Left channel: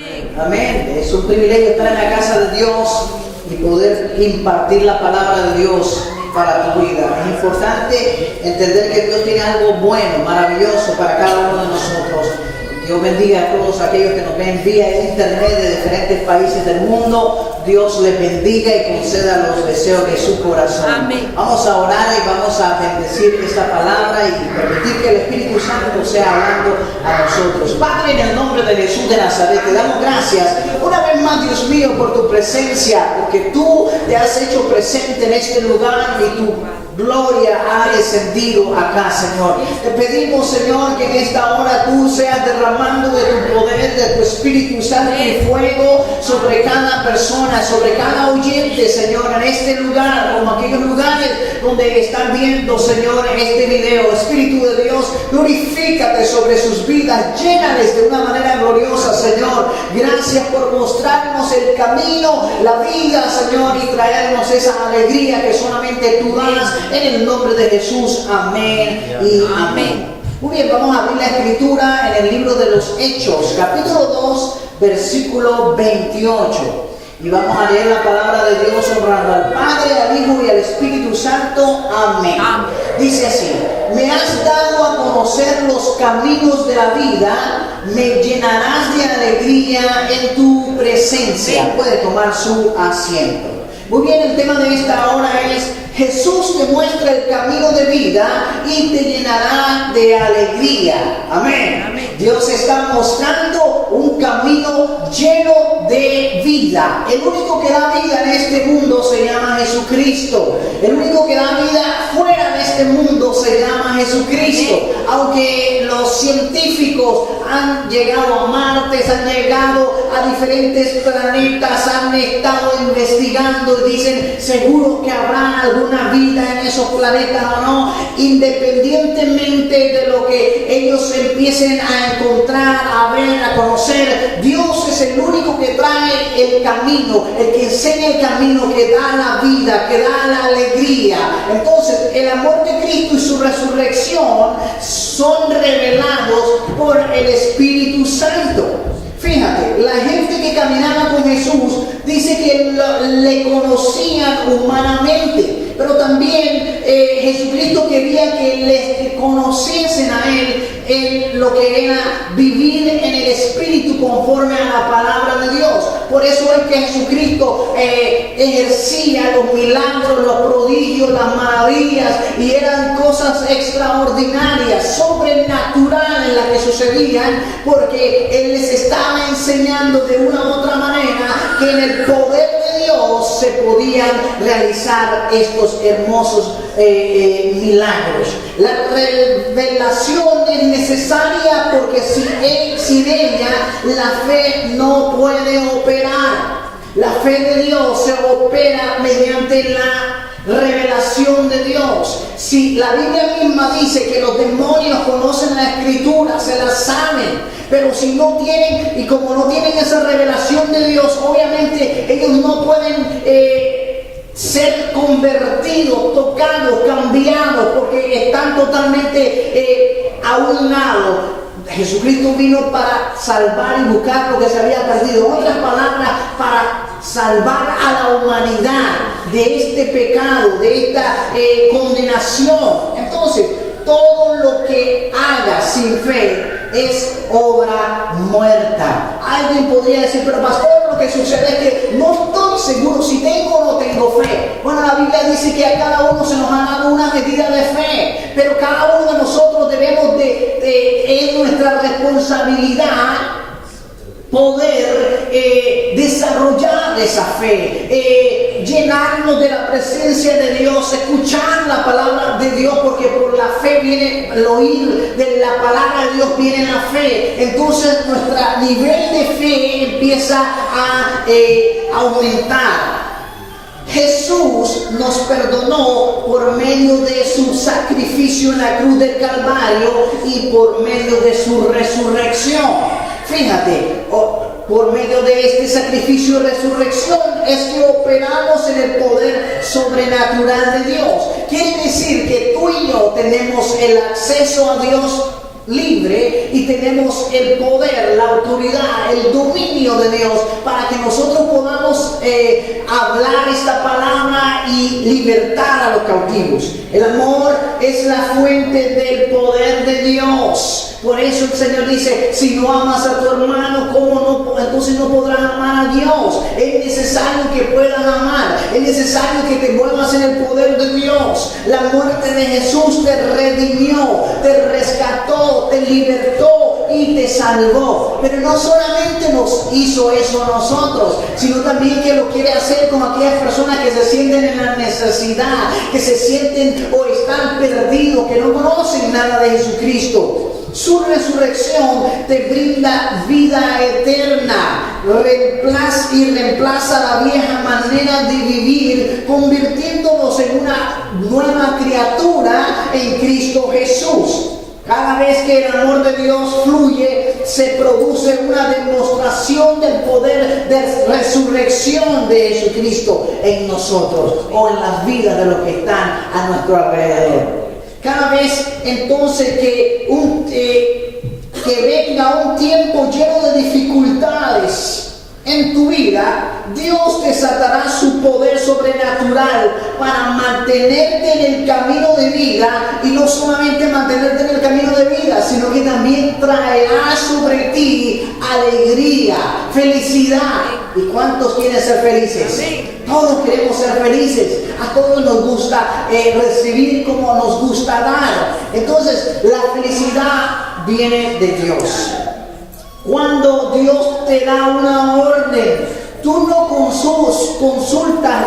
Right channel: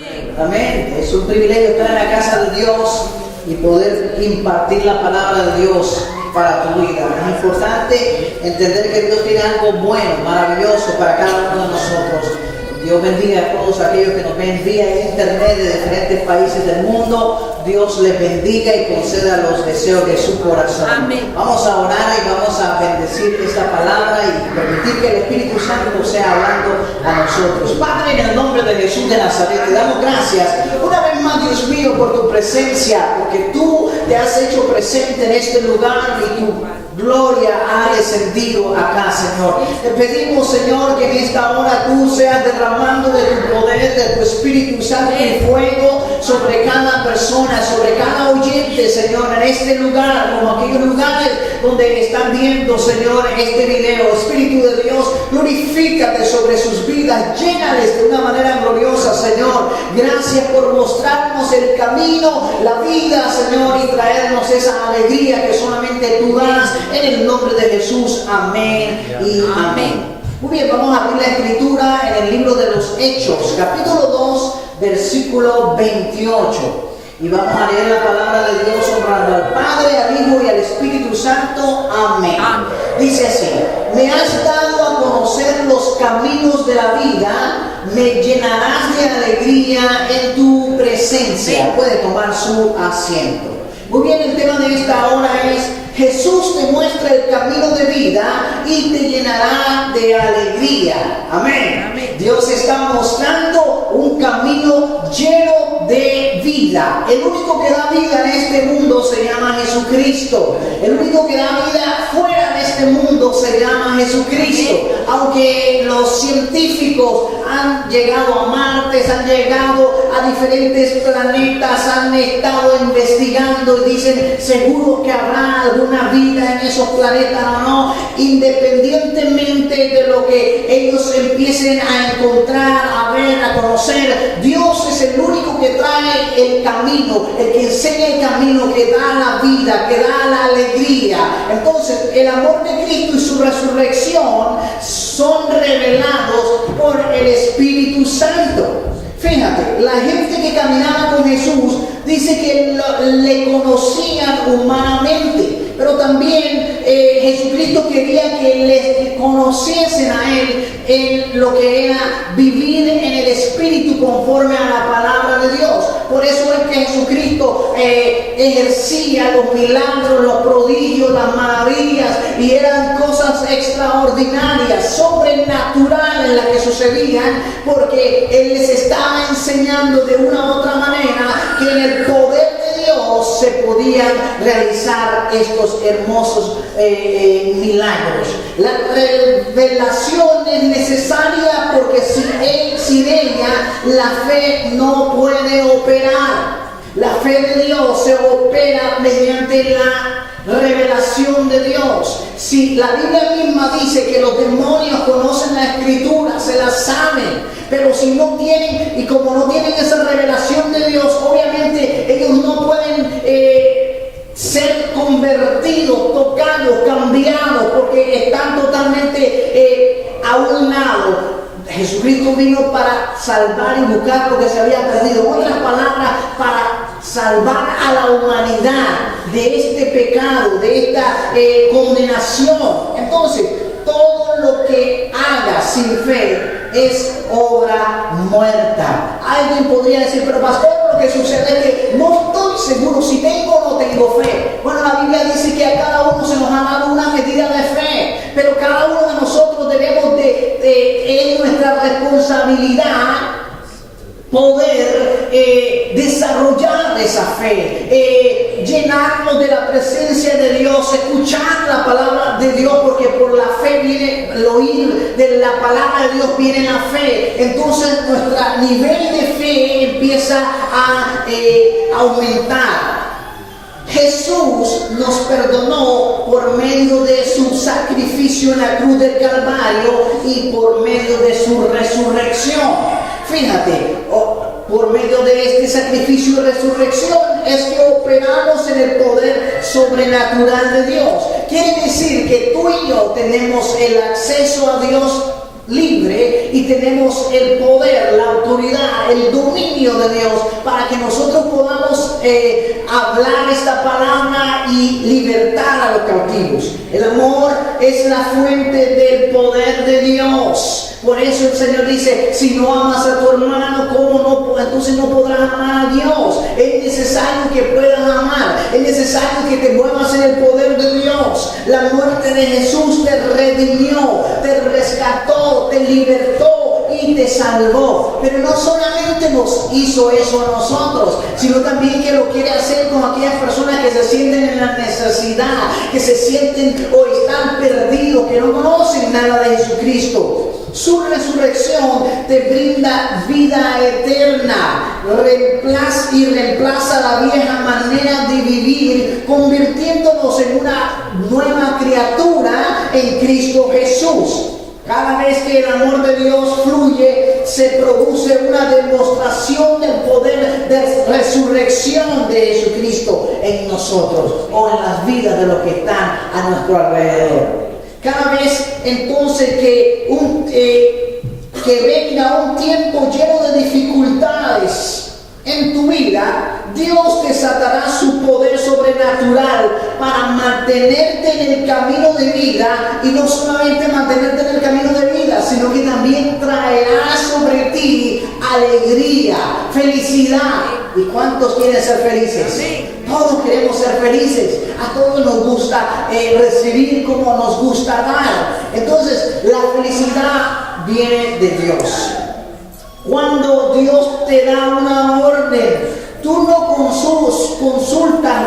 Amén. Es un privilegio estar en la casa de Dios y poder impartir la palabra de Dios para tu vida. Es importante entender que Dios tiene algo bueno, maravilloso para cada uno de nosotros. Dios bendiga a todos aquellos que nos ven vía internet de diferentes países del mundo. Dios les bendiga y conceda los deseos de su corazón. Amén. Vamos a orar y vamos a bendecir esta palabra y permitir que el Espíritu Santo nos sea hablando a nosotros. Padre, en el nombre de Jesús de Nazaret, te damos gracias una vez más, Dios mío, por tu presencia, porque tú te has hecho presente en este lugar y tu gloria ha descendido acá, Señor. Te pedimos, Señor, que en esta hora tú seas derramando de tu poder, de tu Espíritu Santo y fuego sobre cada persona, sobre cada oyente, Señor, en este lugar, como aquellos lugares donde están viendo, Señor, este video. Espíritu de Dios, glorifícate sobre sus vidas, llénales de una manera gloriosa, Señor. Gracias por mostrarnos el camino, la vida, Señor, y traernos esa alegría que solamente tú das. En el nombre de Jesús, amén y amén. Muy bien, vamos a abrir la escritura en el libro de los Hechos, capítulo 2, versículo 28. Y vamos a leer la palabra de Dios honrando al Padre, al Hijo y al Espíritu Santo. Amén. Dice así: me has dado a conocer los caminos de la vida, me llenarás de alegría en tu presencia. Puede tomar su asiento. Muy bien, el tema de esta hora es: Jesús te muestra el camino de vida y te llenará de alegría. Amén. Amén. Dios está mostrando un camino lleno de vida. El único que da vida en este mundo se llama Jesucristo. El único que da vida fuera de este mundo se llama Jesucristo. Aunque los científicos han llegado a Marte, han llegado a diferentes planetas, han estado investigando y dicen seguro que habrá alguna vida en esos planetas o no, independientemente de lo que ellos empiecen a encontrar, a ver, a conocer, Dios es el único que trae el camino, el que enseña el camino, que da la vida, que da la alegría. Entonces, el amor de Cristo y su resurrección son revelados por el Espíritu Santo. Fíjate, la gente que caminaba con Jesús dice que le conocían humanamente, pero también Jesucristo quería que les conociesen a Él en lo que era vivir en el Espíritu conforme a la palabra de Dios. Por eso es que Jesucristo ejercía los milagros, los prodigios, las maravillas, y eran cosas extraordinarias, sobrenaturales las que sucedían, porque Él les estaba enseñando de una u otra manera que en el poder de Dios se podían realizar estos hermosos milagros. La revelación es necesaria porque sin ella la fe no puede operar. La fe de Dios se opera mediante la revelación de Dios. Si la Biblia misma dice que los demonios conocen la Escritura, se la saben, pero si no tienen, y como no tienen esa revelación de Dios, obviamente ellos no pueden ser convertidos, tocados, cambiados, porque están totalmente a un lado. Jesucristo vino para salvar y buscar lo que se había perdido. En otras palabras, para salvar a la humanidad de este pecado, de esta condenación. Entonces, todo lo que haga sin fe es obra muerta. Alguien podría decir, pero pastor, lo que sucede es que no estoy seguro si tengo o no tengo fe. Bueno, la Biblia dice que a cada uno se nos ha dado una medida de fe, pero cada uno de nosotros debemos es nuestra responsabilidad poder desarrollar esa fe, llenarnos de la presencia de Dios, escuchar la palabra de Dios, porque por la fe viene el oír de la palabra de Dios, viene la fe. Entonces nuestro nivel de fe empieza a aumentar. Jesús nos perdonó por medio de su sacrificio en la cruz del Calvario y por medio de su resurrección. Fíjate, por medio de este sacrificio y resurrección es que operamos en el poder sobrenatural de Dios. Quiere decir que tú y yo tenemos el acceso a Dios libre y tenemos el poder, la autoridad, el dominio de Dios para que nosotros podamos hablar esta palabra y libertar a los cautivos. El amor es la fuente del poder de Dios. Por eso el Señor dice, si no amas a tu hermano, ¿cómo no? Entonces no podrás amar a Dios. Es necesario que puedas amar. Es necesario que te muevas en el poder de Dios. La muerte de Jesús te redimió, te rescató, te libertó y te salvó. Pero no solamente nos hizo eso a nosotros, sino también que lo quiere hacer con aquellas personas que se sienten en la necesidad, que se sienten o están perdidos, que no conocen nada de Jesucristo. Su resurrección te brinda vida eterna, reemplaza la vieja manera de vivir, convirtiéndonos en una nueva criatura en Cristo Jesús. Cada vez que el amor de Dios fluye, se produce una demostración del poder de resurrección de Jesucristo en nosotros o en las vidas de los que están a nuestro alrededor. Cada vez entonces que venga un tiempo lleno de dificultades en tu vida, Dios desatará su poder sobrenatural para mantenerte en el camino de vida, y no solamente mantenerte en el camino de vida, sino que también traerá sobre ti alegría, felicidad. ¿Y cuántos quieren ser felices? Todos queremos ser felices. A todos nos gusta recibir como nos gusta dar. Entonces, la felicidad viene de Dios. Cuando Dios te da una orden, tú no consultas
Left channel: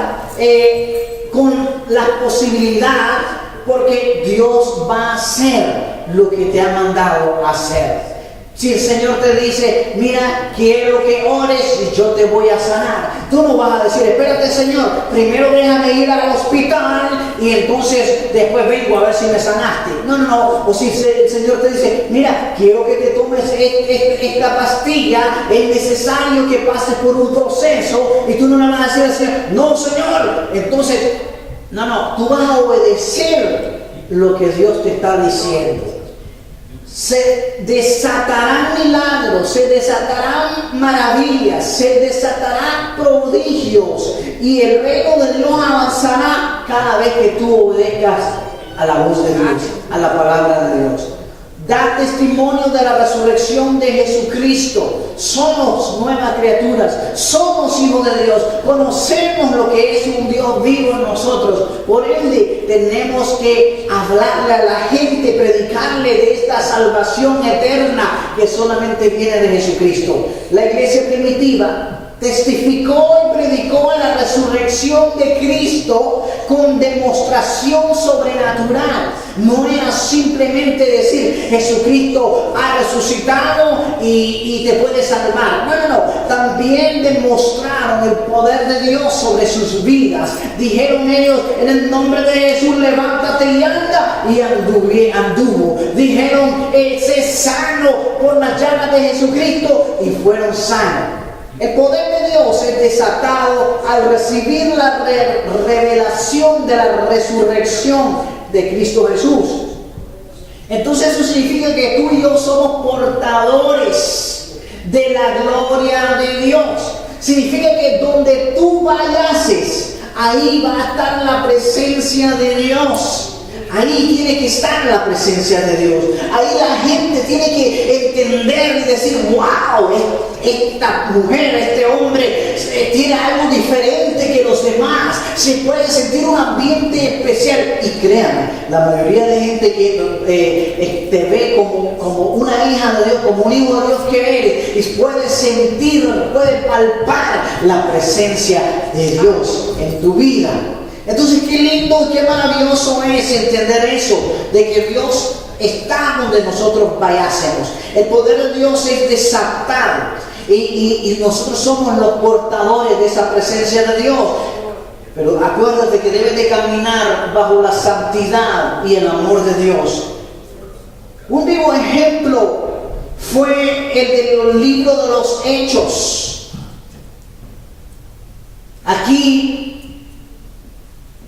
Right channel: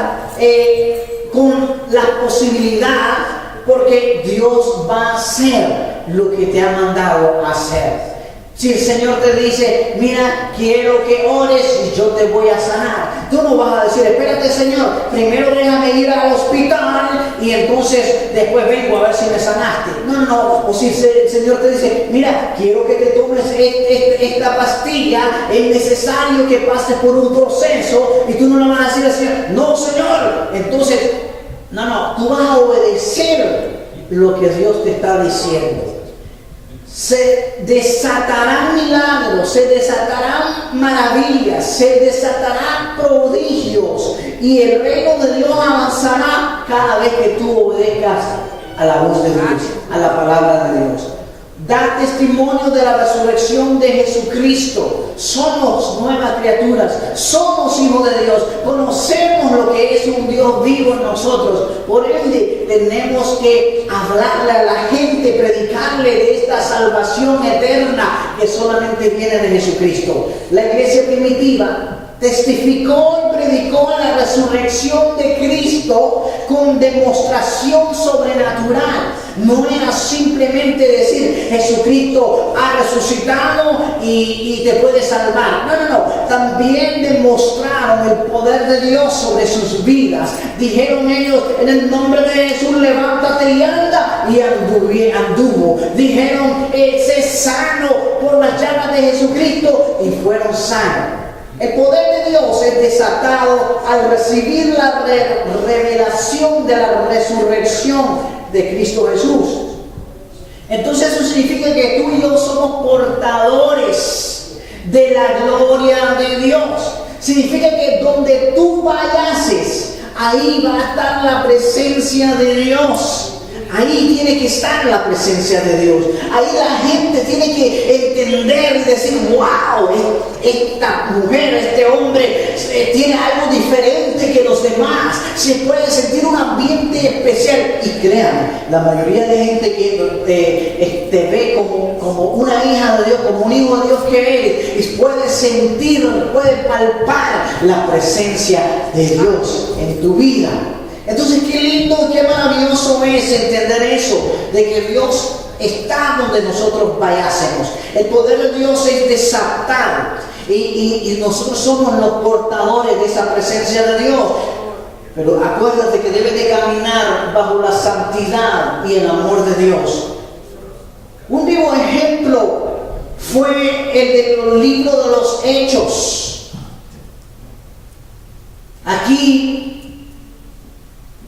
con la posibilidad, porque Dios va a hacer lo que te ha mandado hacer. Si el Señor te dice, mira, quiero que ores y yo te voy a sanar, tú no vas a decir, espérate Señor, primero déjame ir al hospital y entonces después vengo a ver si me sanaste. No. O si el Señor te dice, mira, quiero que te tomes esta pastilla, es necesario que pases por un proceso, y tú no le vas a decir al Señor, no Señor. Entonces, no, tú vas a obedecer lo que Dios te está diciendo. Se desatarán milagros, se desatarán maravillas, se desatarán prodigios, y el reino de Dios avanzará cada vez que tú obedezcas a la voz de Dios, a la palabra de Dios. Da testimonio de la resurrección de Jesucristo. Somos nuevas criaturas, somos hijos de Dios, conocemos lo que es un Dios vivo en nosotros. Por ende, tenemos que hablarle a la gente, predicarle de esta salvación eterna que solamente viene de Jesucristo. La iglesia primitiva testificó y predicó la resurrección de Cristo con demostración sobrenatural. No era simplemente decir Jesucristo ha resucitado y te puede salvar. No. También demostraron el poder de Dios sobre sus vidas. Dijeron ellos, en el nombre de Jesús, levántate y anda. Y anduvo. Dijeron, sé sano por las llagas de Jesucristo, y fueron sanos. El poder de Dios es desatado al recibir la revelación de la resurrección de Cristo Jesús. Entonces eso significa que tú y yo somos portadores de la gloria de Dios. Significa que donde tú vayas, ahí va a estar la presencia de Dios. Ahí tiene que estar la presencia de Dios. Ahí la gente tiene que entender y decir, wow, esta mujer, este hombre tiene algo diferente que los demás. Se puede sentir un ambiente especial. Y créanme, la mayoría de gente que te ve como una hija de Dios, como un hijo de Dios que eres, y puede sentir, puede palpar la presencia de Dios en tu vida. Entonces, qué lindo, qué maravilloso es entender eso, de que Dios está donde nosotros vayásemos. El poder de Dios es desatado, y nosotros somos los portadores de esa presencia de Dios. Pero acuérdate que debes de caminar bajo la santidad y el amor de Dios. Un vivo ejemplo fue el del libro de los Hechos. Aquí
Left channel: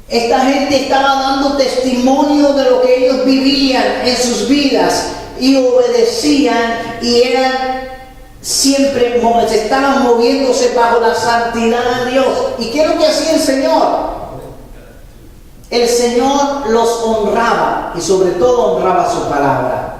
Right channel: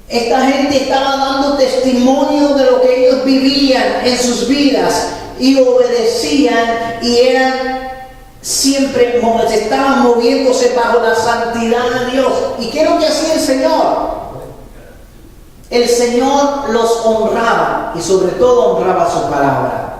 esta gente estaba dando testimonio de lo que ellos vivían en sus vidas, y obedecían y eran siempre, estaban moviéndose bajo la santidad de Dios. ¿Y qué es lo que hacía el Señor? El Señor los honraba y sobre todo honraba su palabra.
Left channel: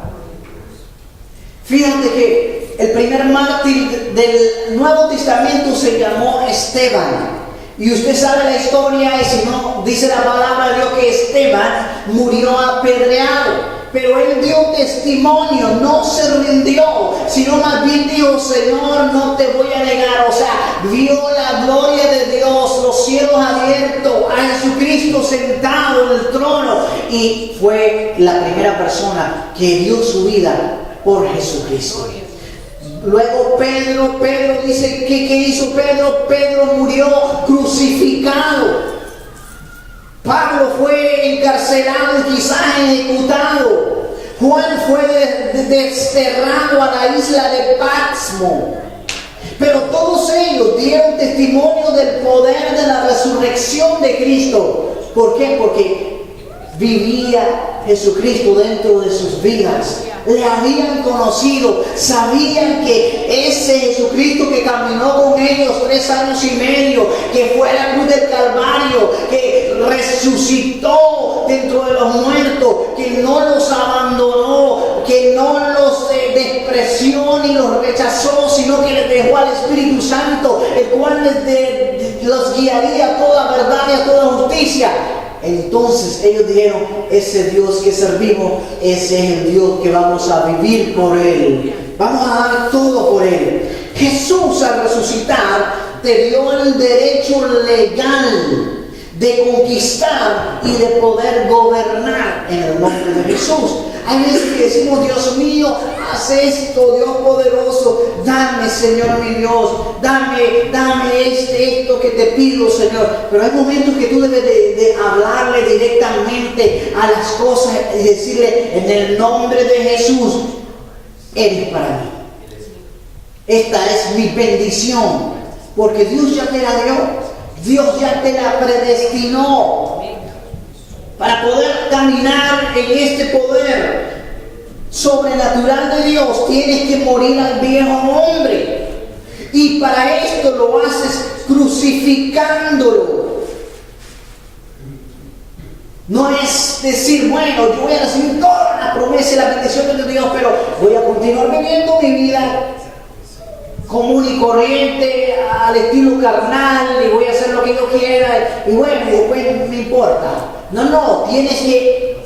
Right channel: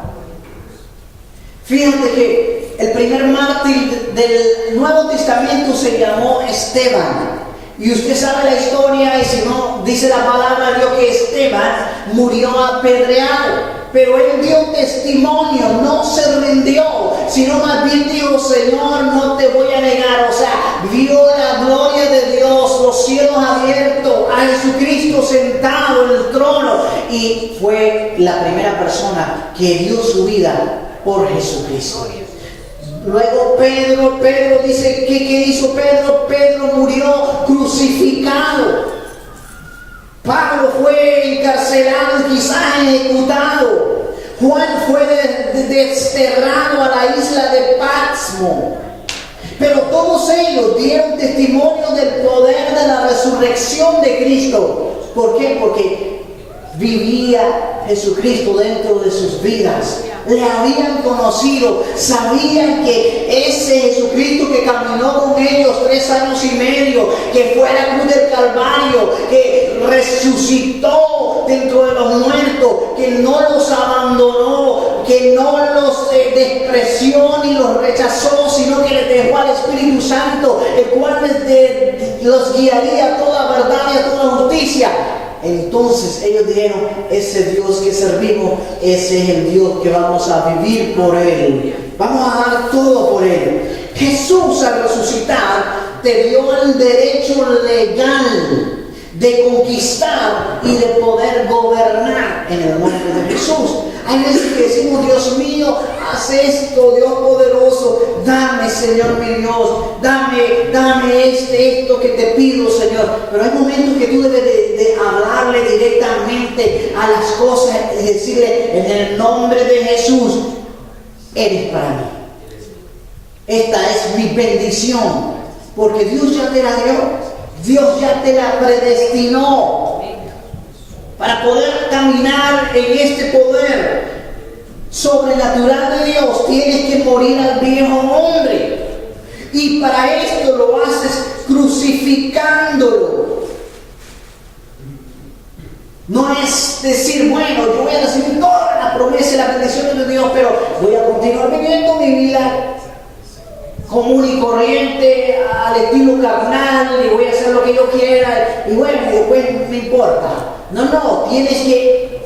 Fíjate que el primer mártir del Nuevo Testamento se llamó Esteban. Y usted sabe la historia, y si no, dice la palabra de Dios que Esteban murió apedreado. Pero él dio testimonio, no se rindió, sino más bien dijo: Señor, no te voy a negar. O sea, vio la gloria de Dios, los cielos abiertos, a Jesucristo sentado en el trono. Y fue la primera persona que dio su vida por Jesucristo. Luego Pedro dice, ¿qué hizo Pedro? Pedro murió crucificado. Pablo fue encarcelado y quizás ejecutado. Juan fue desterrado a la isla de Patmos. Pero todos ellos dieron testimonio del poder de la resurrección de Cristo. ¿Por qué? Porque vivía Jesucristo dentro de sus vidas. Le habían conocido, sabían que ese Jesucristo que caminó con ellos 3 años y medio, que fue a la cruz del Calvario, que resucitó dentro de los muertos, que no los abandonó, que no los despreció ni los rechazó, sino que les dejó al Espíritu Santo, el cual los guiaría a toda verdad y a toda justicia. Entonces ellos dijeron: ese Dios que servimos, ese es el Dios que vamos a vivir por Él. Vamos a dar todo por Él. Jesús, al resucitar, te dio el derecho legal de conquistar y de poder gobernar en el nombre de Jesús. Hay veces que decimos: Dios mío, haz esto, Dios poderoso, dame, Señor mi Dios, dame esto que te pido, Señor. Pero hay momentos que tú debes de hablarle directamente a las cosas y decirle: en el nombre de Jesús, eres para mí. Esta es mi bendición, porque Dios ya te la dio, Dios ya te la predestinó. Para poder caminar en este poder sobrenatural de Dios, tienes que morir al viejo hombre. Y para esto lo haces crucificándolo. No es decir: bueno, yo voy a recibir toda la promesa y la bendición de Dios, pero voy a continuar viviendo mi vida común y corriente, al estilo carnal, y voy a hacer lo que yo quiera, y bueno, después me importa. No, tienes que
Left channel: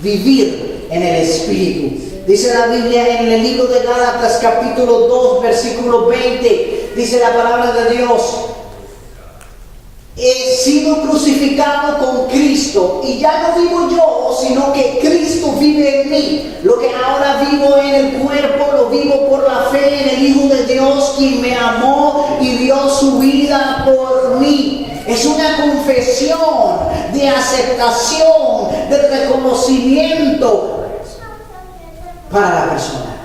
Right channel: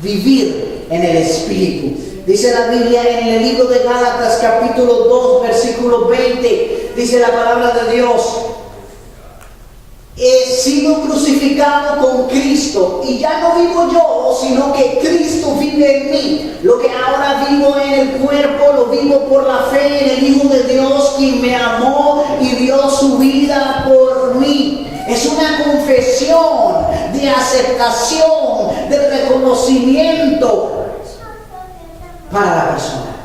vivir en el Espíritu. Dice la Biblia en el libro de Gálatas capítulo 2 versículo 20, dice la palabra de Dios: he sido crucificado con Cristo, y ya no vivo yo, sino que Cristo vive en mí. Lo que ahora vivo en el cuerpo, lo vivo por la fe en el Hijo de Dios, quien me amó y dio su vida por mí. Es una confesión de aceptación, de reconocimiento para la persona.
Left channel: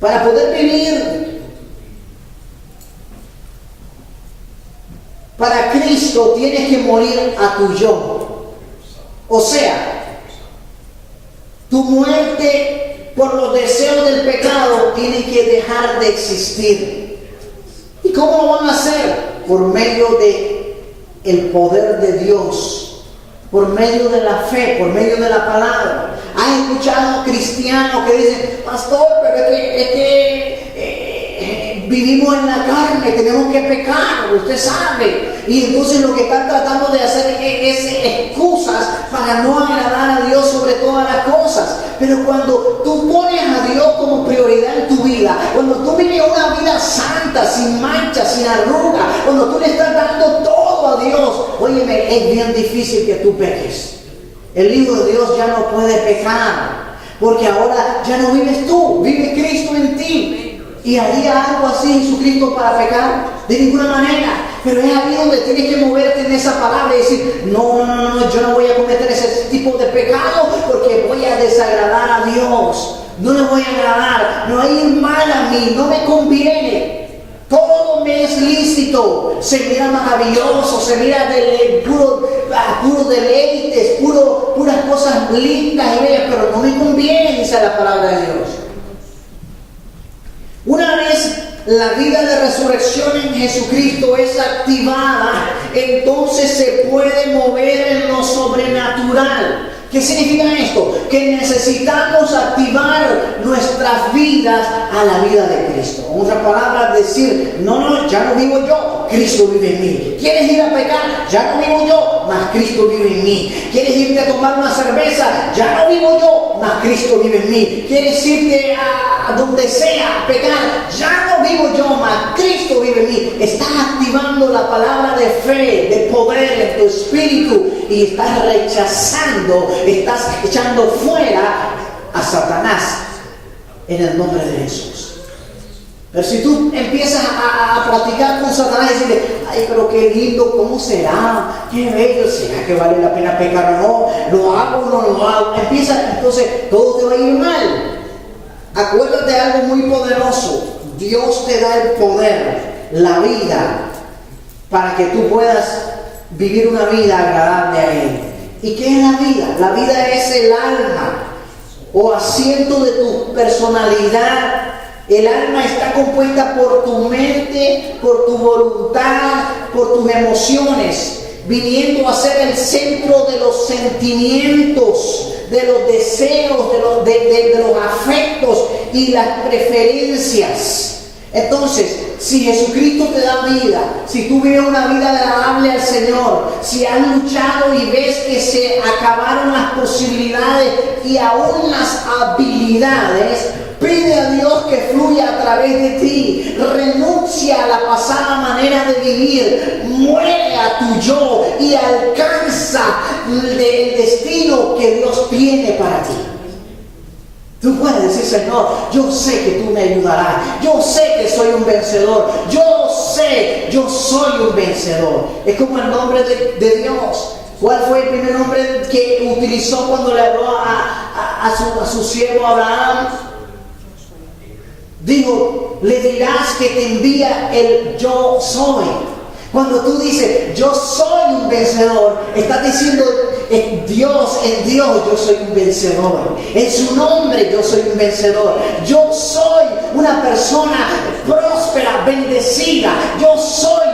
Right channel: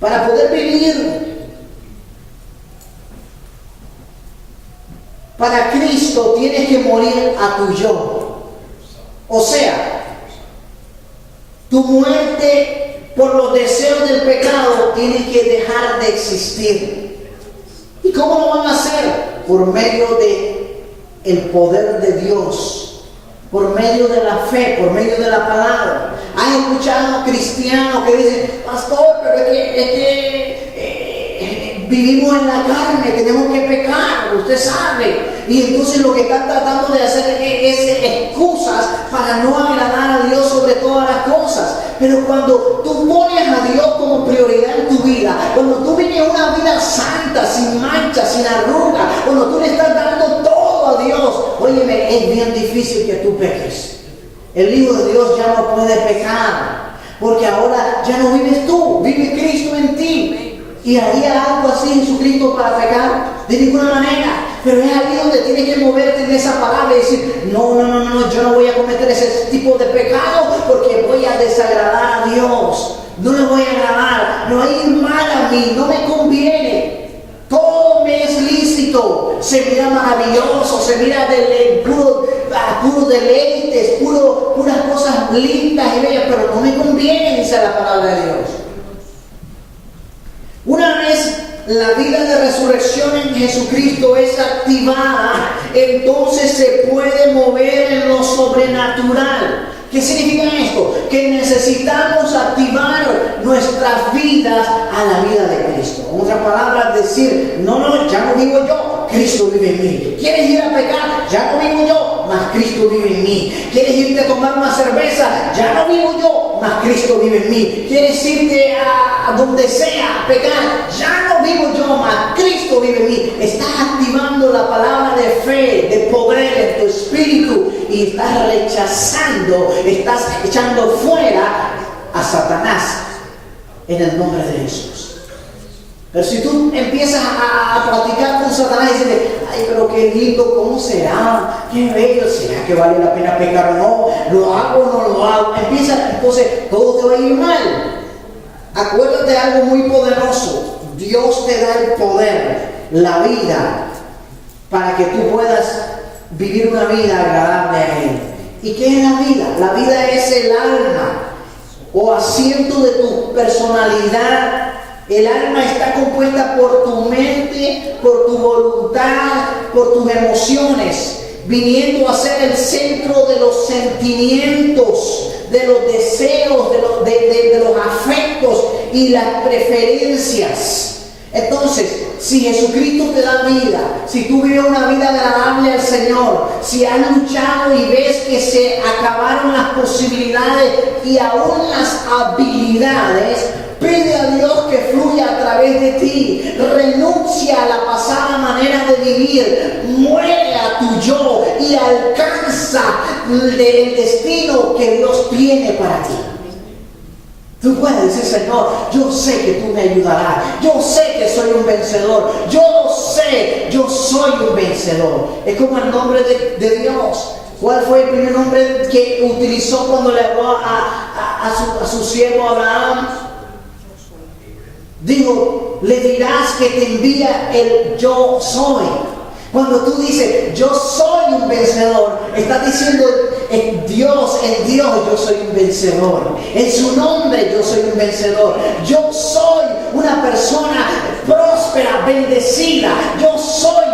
Para poder vivir para Cristo, tienes que morir a tu yo. O sea, tu muerte por los deseos del pecado tiene que dejar de existir. ¿Y cómo lo van a hacer? Por medio de el poder de Dios, por medio de la fe, por medio de la palabra. ¿Han escuchado cristianos que dicen: pastor, pero es que vivimos en la carne, tenemos que pecar, usted sabe? Y entonces lo que están tratando de hacer es excusas para no agradar a Dios sobre todas las cosas. Pero cuando tú pones a Dios como prioridad en tu vida, cuando tú vives una vida santa, sin mancha, sin arruga, cuando tú le estás dando todo a Dios, óyeme, es bien difícil que tú peques. El Hijo de Dios ya no puede pecar, porque ahora ya no vives tú, vive Cristo en ti. ¿Y haría algo así Jesucristo para pecar? De ninguna manera. Pero es ahí donde tienes que moverte en esa palabra y decir: no, yo no voy a cometer ese tipo de pecado, porque voy a desagradar a Dios. No le voy a agradar, no hay mal a mí, no me conviene. Todo me es lícito, se mira maravilloso, se mira puro deleites, puras cosas cosas lindas y bellas, pero no me conviene, dice la palabra de Dios. Una vez la vida de resurrección en Jesucristo es activada, entonces se puede mover en lo sobrenatural. ¿Qué significa esto? Que necesitamos activar nuestras vidas a la vida de Cristo. En otras palabras, decir, no, ya no vivo yo, Cristo vive en mí. ¿Quieres ir a pecar? Ya no vivo yo, mas Cristo vive en mí. ¿Quieres irte a tomar una cerveza? Ya no vivo yo, mas Cristo vive en mí. ¿Quieres irte a donde sea a pecar? Ya no vivo yo, mas Cristo vive en mí. Estás activando la palabra de fe, de poder en tu espíritu y estás rechazando, estás echando fuera a Satanás en el nombre de Jesús. Pero si tú empiezas a platicar con Satanás y dices, ay, pero qué lindo, ¿cómo será? Qué bello, ¿será que vale la pena pecar o no? ¿Lo hago o no lo hago? Entonces todo te va a ir mal. Acuérdate de algo muy poderoso. Dios te da el poder, la vida, para que tú puedas vivir una vida agradable a Él. ¿Y qué es la vida? La vida es el alma o asiento de tu personalidad. El alma está compuesta por tu mente, por tu voluntad, por tus emociones, viniendo a ser el centro de los sentimientos, de los deseos, de los afectos y las preferencias. Entonces, si Jesucristo te da vida, si tú vives una vida agradable al Señor, si has luchado y ves que se acabaron las posibilidades y aún las habilidades, pide a Dios que fluya a través de ti. Renuncia a la pasada manera de vivir. Muere a tu yo y alcanza el destino que Dios tiene para ti. Tú puedes decir, Señor, yo sé que tú me ayudarás. Yo sé que soy un vencedor. Yo soy un vencedor. Es como el nombre de Dios. ¿Cuál fue el primer nombre que utilizó cuando le habló a su siervo Abraham? Dijo, le dirás que te envía el yo soy. Cuando tú dices, yo soy un vencedor, estás diciendo, en Dios yo soy un vencedor. En su nombre yo soy un vencedor. Yo soy una persona próspera, bendecida. Yo soy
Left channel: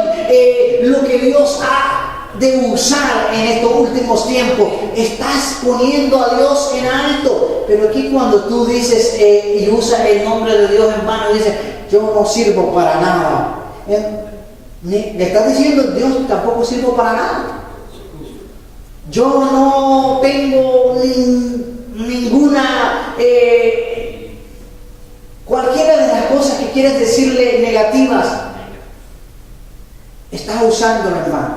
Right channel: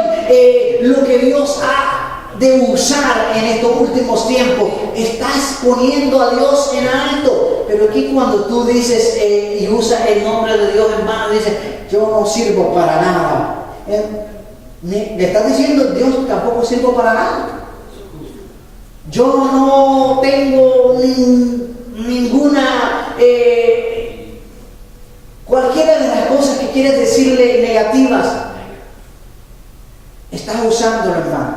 lo que Dios ha de usar en estos últimos tiempos. Estás poniendo a Dios en alto. Pero aquí cuando tú dices y usas el nombre de Dios en vano, dices, yo no sirvo para nada. Le estás diciendo, Dios tampoco sirvo para nada. Yo no tengo ninguna, cualquiera de las cosas que quieres decirle negativas, estás usándolo, hermano.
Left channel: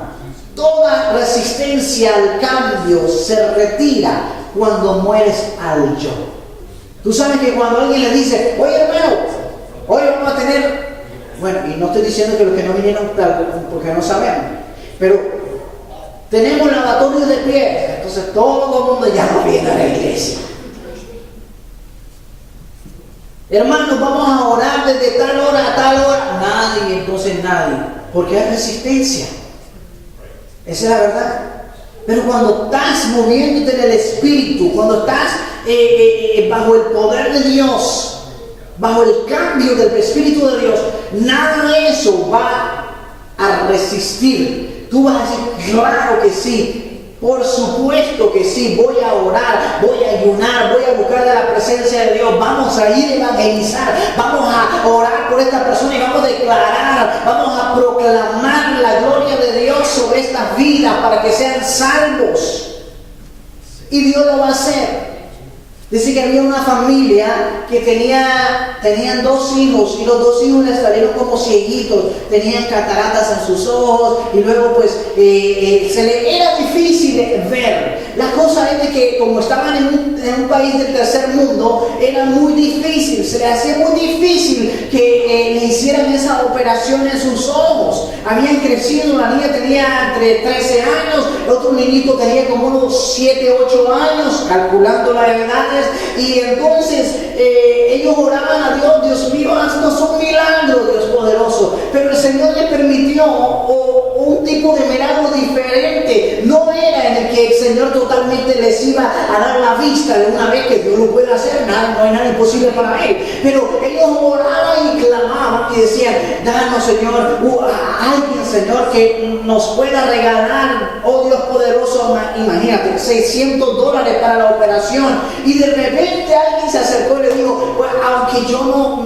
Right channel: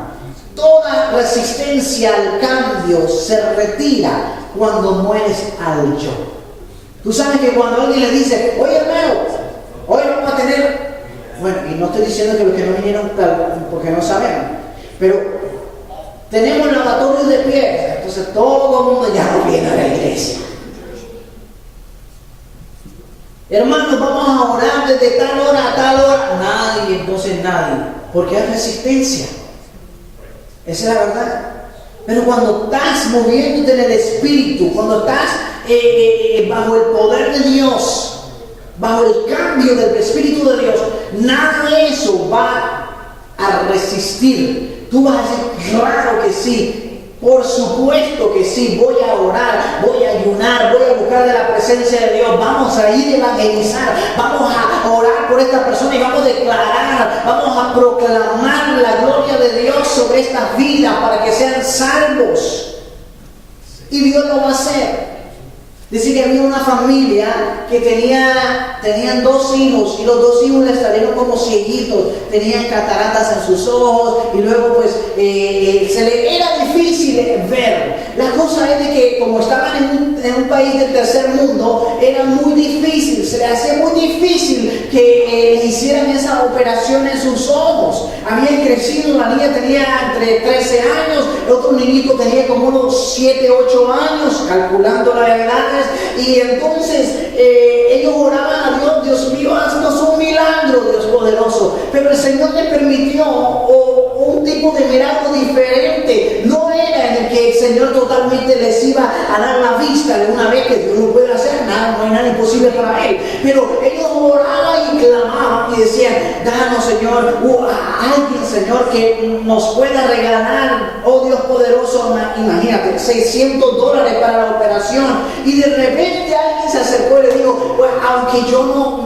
Toda resistencia al cambio se retira cuando mueres al yo. Tú sabes que cuando alguien le dice, oye hermano, hoy vamos a tener, bueno, y no estoy diciendo que los que no vinieron porque no sabemos, pero tenemos lavatorios de pies, entonces todo el mundo ya no viene a la iglesia. Hermanos, vamos a orar desde tal hora a tal hora. Nadie, entonces nadie, porque hay resistencia. Esa es la verdad. Pero cuando estás moviéndote en el Espíritu, cuando estás bajo el poder de Dios, bajo el cambio del Espíritu de Dios, nada de eso va a resistir. Tú vas a decir, claro que sí, por supuesto que sí, voy a orar, voy a ayunar, voy a buscar de la presencia de Dios, vamos a ir a evangelizar, vamos a orar por esta persona y vamos a declarar, vamos a proclamar la gloria de Dios sobre estas vidas para que sean salvos. Y Dios lo va a hacer. Dice que había una familia que tenían 2 hijos y los 2 hijos les salieron como cieguitos, tenían cataratas en sus ojos y luego pues se les era difícil ver. La cosa es de que como estaban en un país del tercer mundo, era muy difícil, se les hacía muy difícil que le hicieran esa operación en sus ojos. Habían crecido, la niña tenía entre 13 años, el otro niñito tenía como unos 7, 8 años, calculando las edades. Y entonces ellos oraban a Dios, Dios mío, haznos un milagro, Dios poderoso. Pero el Señor les permitió un tipo de milagro diferente. No era en el que el Señor totalmente les iba a dar pero ellos oraban y clamaban y decían, danos, Señor, a alguien, Señor, que nos pueda regalar, oh Dios poderoso, imagínate, $600 para la operación. Y de repente alguien se acercó y le dijo, pues aunque yo no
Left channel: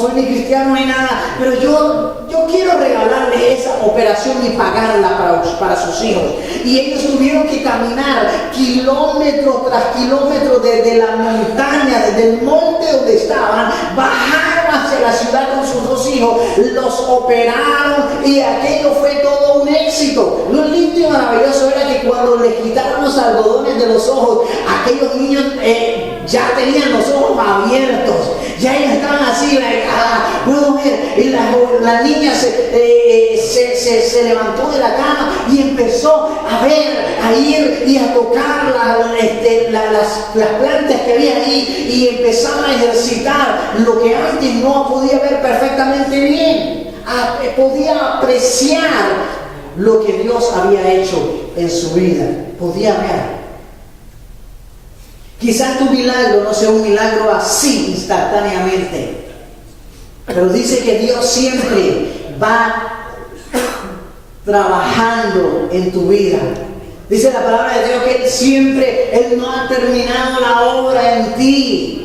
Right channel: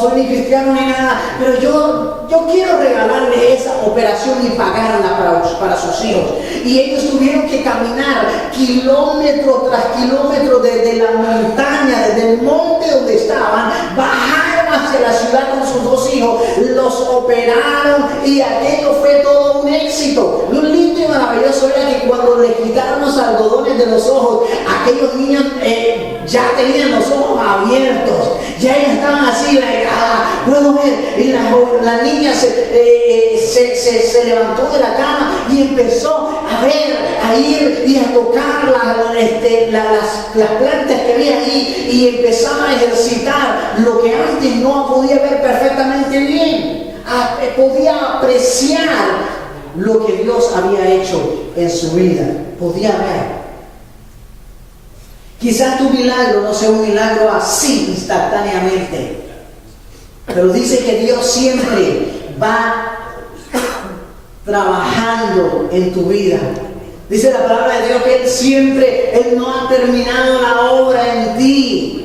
soy ni cristiano ni nada, pero yo quiero regalarle esa operación y pagarla para sus hijos. Y ellos tuvieron que caminar kilómetro tras kilómetro desde la montaña, desde el monte donde estaban, bajaron hacia la ciudad con sus dos hijos, los operaron y aquello fue todo un éxito. Lo lindo y maravilloso era que cuando le quitaron los algodones de los ojos, aquellos niños ya tenían los ojos abiertos, ya estaban así, puedo ver, y la niña se levantó de la cama y empezó a ver, a ir y a tocar las plantas que había ahí, y empezaba a ejercitar lo que antes no podía ver perfectamente bien. Podía apreciar lo que Dios había hecho en su vida, podía ver. Quizás tu milagro no sea un milagro así instantáneamente, pero dice que Dios siempre va trabajando en tu vida. Dice la palabra de Dios que Él no ha terminado la obra en ti.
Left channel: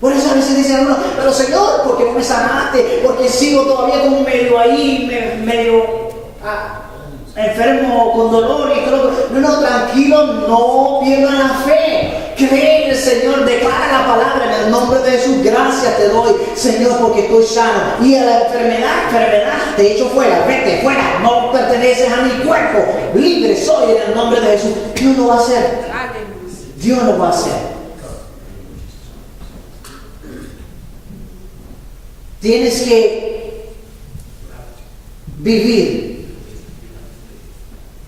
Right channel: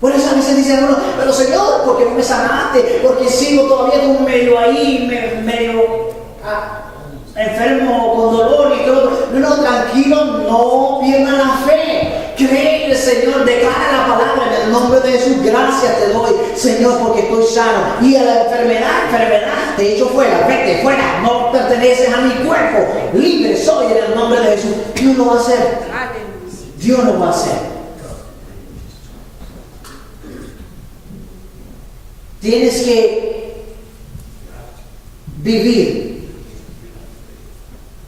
Por eso a veces dicen uno, pero Señor, ¿por qué no me sanaste? Porque sigo todavía como medio ahí, enfermo con dolor y todo. No, tranquilo, no pierdas la fe. Cree en el Señor, declara la palabra en el nombre de Jesús. Gracias te doy, Señor, porque estoy sano. Y a la enfermedad, te echo fuera, vete fuera, no perteneces a mi cuerpo. Libre soy en el nombre de Jesús. Dios lo va a hacer. Dios lo va a hacer. Tienes que vivir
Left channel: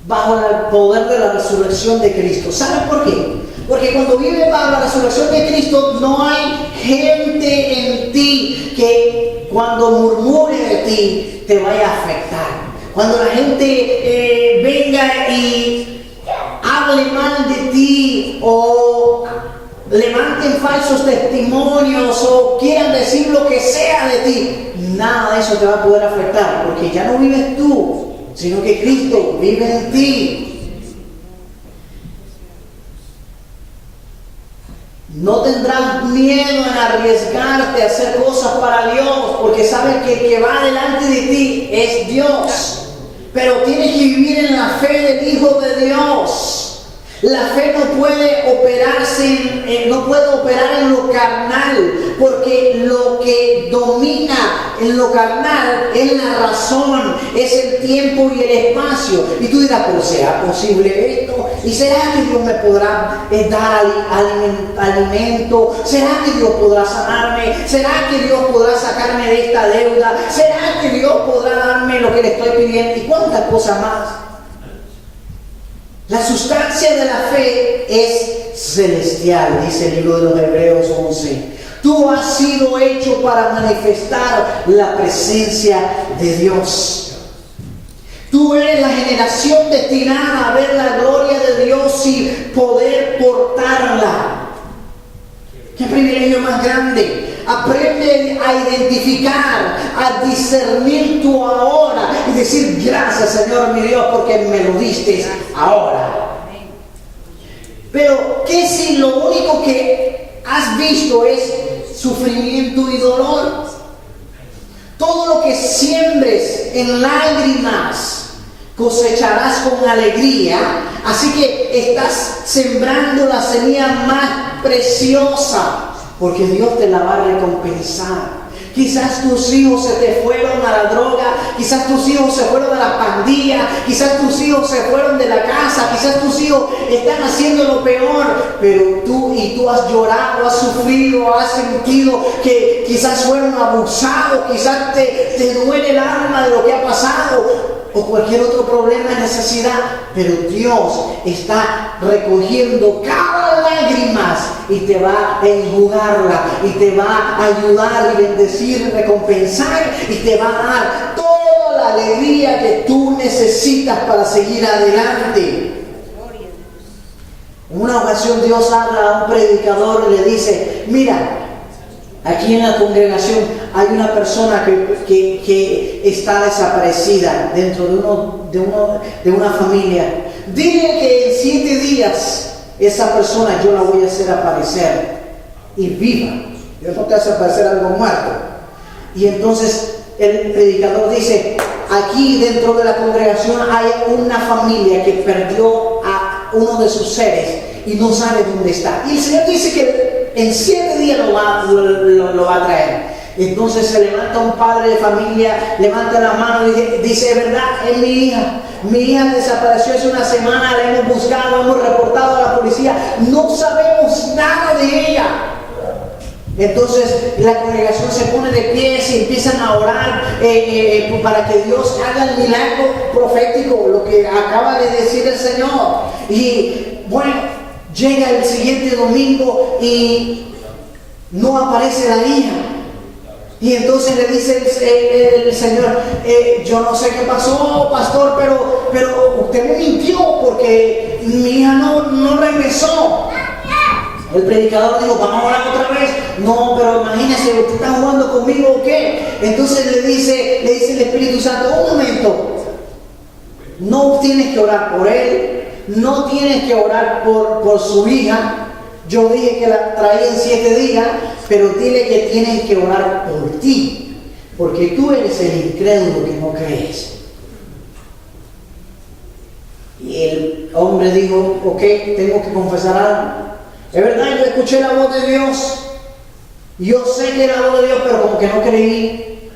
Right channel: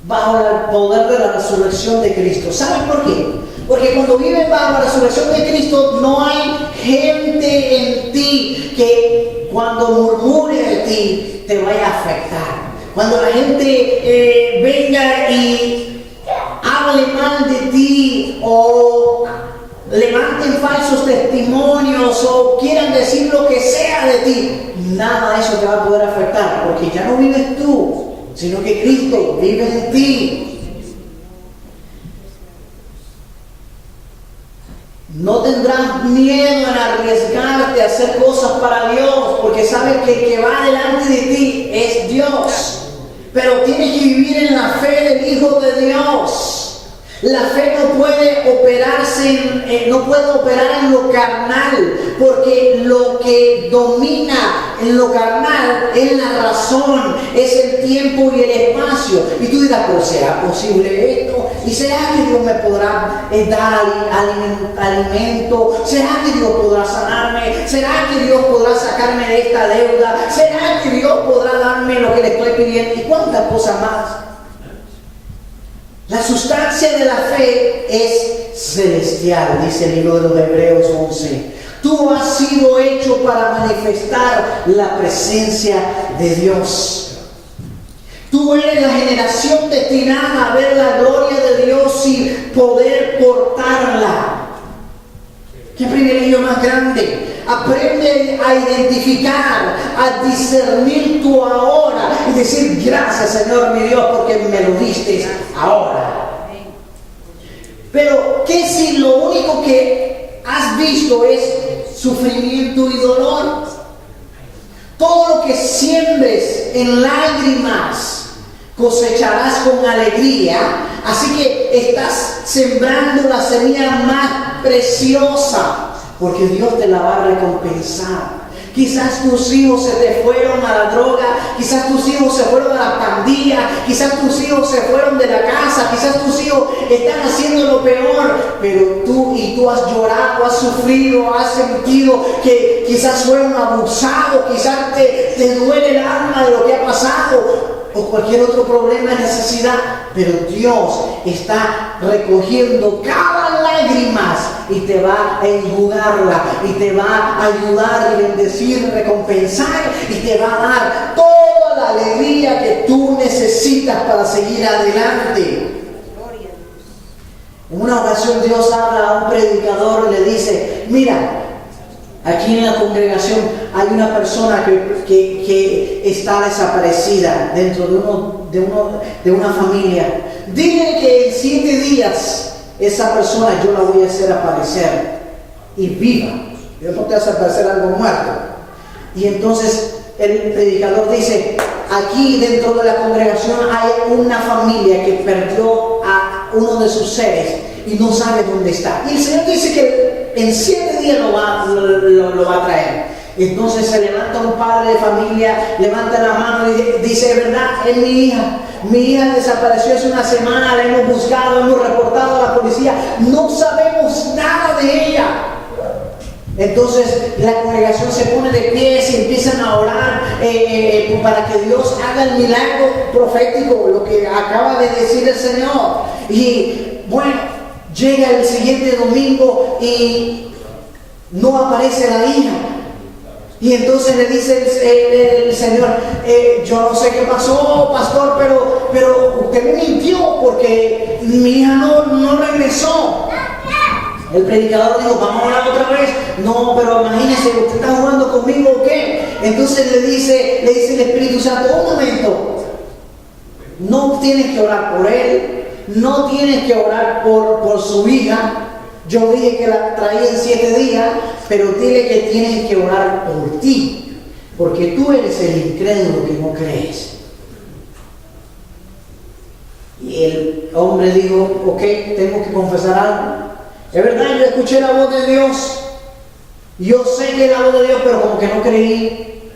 bajo el poder de la resurrección de Cristo. ¿Saben por qué? Porque cuando vives bajo la resurrección de Cristo, no hay gente en ti que cuando murmure de ti te vaya a afectar. Cuando la gente venga y hable mal de ti o levanten falsos testimonios o quieran decir lo que sea de ti, nada de eso te va a poder afectar, porque ya no vives tú, sino que Cristo vive en ti. No tendrás miedo en arriesgarte a hacer cosas para Dios, porque sabes que el que va delante de ti es Dios. Pero tienes que vivir en la fe del Hijo de Dios. La fe no puede operar en lo carnal, porque lo que domina en lo carnal es la razón, es el tiempo y el espacio. Y tú dirás, ¿pero será posible esto? ¿Y será que Dios me podrá dar alimento? ¿Será que Dios podrá sanarme? ¿Será que Dios podrá sacarme de esta deuda? ¿Será que Dios podrá darme lo que le estoy pidiendo? ¿Y cuántas cosas más? La sustancia de la fe es celestial, dice el libro de los Hebreos 11. Tú has sido hecho para manifestar la presencia de Dios. Tú eres la generación destinada a ver la gloria de Dios y poder portarla. ¡Qué privilegio más grande! Aprende a identificar, a discernir tu ahora y decir gracias, Señor mi Dios, porque me lo diste ahora. Pero ¿qué si lo único que has visto es sufrimiento y dolor? Todo lo que siembres en lágrimas cosecharás con alegría. Así que estás sembrando la semilla más preciosa, porque Dios te la va a recompensar. Quizás tus hijos se te fueron a la droga, quizás tus hijos se fueron a la pandilla, quizás tus hijos se fueron de la casa, quizás tus hijos están haciendo lo peor, pero tú has llorado, has sufrido, has sentido que quizás fueron abusados, quizás te duele el alma de lo que ha pasado, o cualquier otro problema, necesidad, pero Dios está recogiendo cada lágrima y te va a enjugarla y te va a ayudar y bendecir, recompensar y te va a dar toda la alegría que tú necesitas para seguir adelante. En una ocasión Dios habla a un predicador y le dice, mira, Aquí en la congregación hay una persona que está desaparecida dentro de una familia. Dile que en 7 días esa persona yo la voy a hacer aparecer y viva. Dios no te hace aparecer algo muerto. Y entonces el predicador dice, aquí dentro de la congregación hay una familia que perdió a uno de sus seres y no sabe dónde está. Y el Señor dice que en 7 días lo va a traer. Entonces se levanta un padre de familia, levanta la mano y dice, es verdad, es mi hija. Mi hija desapareció hace una semana, la hemos buscado, hemos reportado a la policía, no sabemos nada de ella. Entonces la congregación se pone de pies y empiezan a orar para que Dios haga el milagro profético, lo que acaba de decir el Señor. Y bueno, llega el siguiente domingo y no aparece la hija. Y entonces le dice el Señor, yo no sé qué pasó, pastor, pero usted me mintió porque mi hija no regresó. El predicador dijo, vamos a orar otra vez. No, pero imagínese, ¿usted está jugando conmigo o qué? Entonces le dice el Espíritu Santo, un momento, no tienes que orar por él, no tienes que orar por su hija. Yo dije que la traía en 7 días, pero dile que tienes que orar por ti, porque tú eres el incrédulo que no crees. Y el hombre dijo, ok, tengo que confesar algo. Es verdad, yo escuché la voz de Dios. Yo sé que es la voz de Dios, pero como que no creí.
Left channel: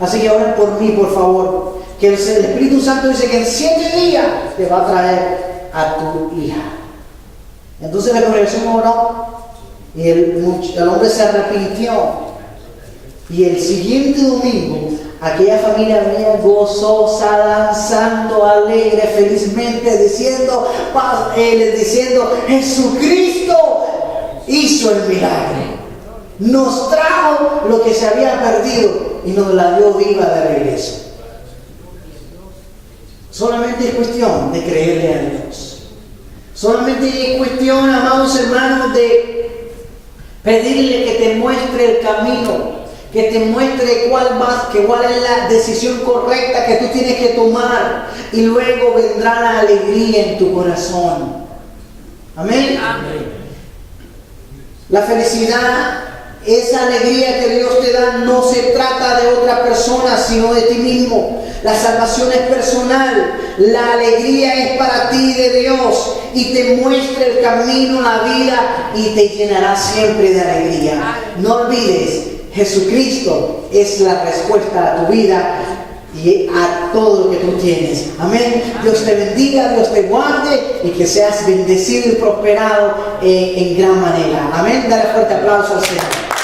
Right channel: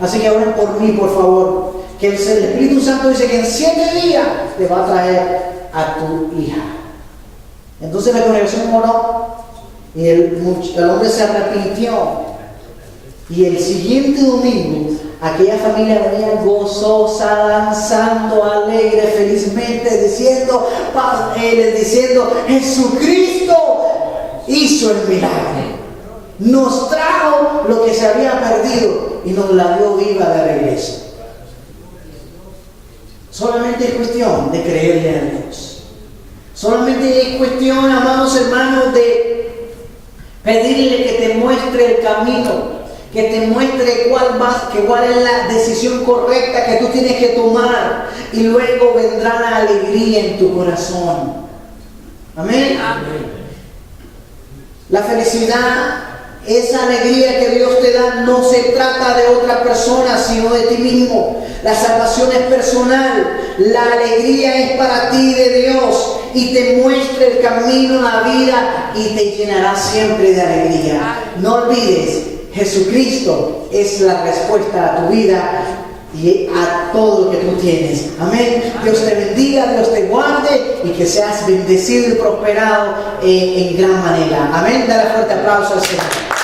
Así que oren por mí, por favor. Que el Espíritu Santo dice que en 7 días te va a traer a tu hija. Entonces la congregación oró y el hombre se arrepintió. Y el siguiente domingo, aquella familia venía gozosa, danzando, alegre, felizmente, diciendo, Jesucristo hizo el milagro. Nos trajo lo que se había perdido y nos la dio viva de regreso. Solamente es cuestión de creerle a Dios. Solamente es cuestión, amados hermanos, de pedirle que te muestre el camino, que te muestre cuál es la decisión correcta que tú tienes que tomar, y luego vendrá la alegría en tu corazón. Amén. Amén. La felicidad, esa alegría que Dios te da, no se trata de otra persona, sino de ti mismo. La salvación es personal. La alegría es para ti de Dios y te muestra el camino a la vida y te llenará siempre de alegría. No olvides, Jesucristo es la respuesta a tu vida y a todo lo que tú tienes. Amén. Dios te bendiga, Dios te guarde y que seas bendecido y prosperado en gran manera. Amén. Dale fuerte aplauso al Señor.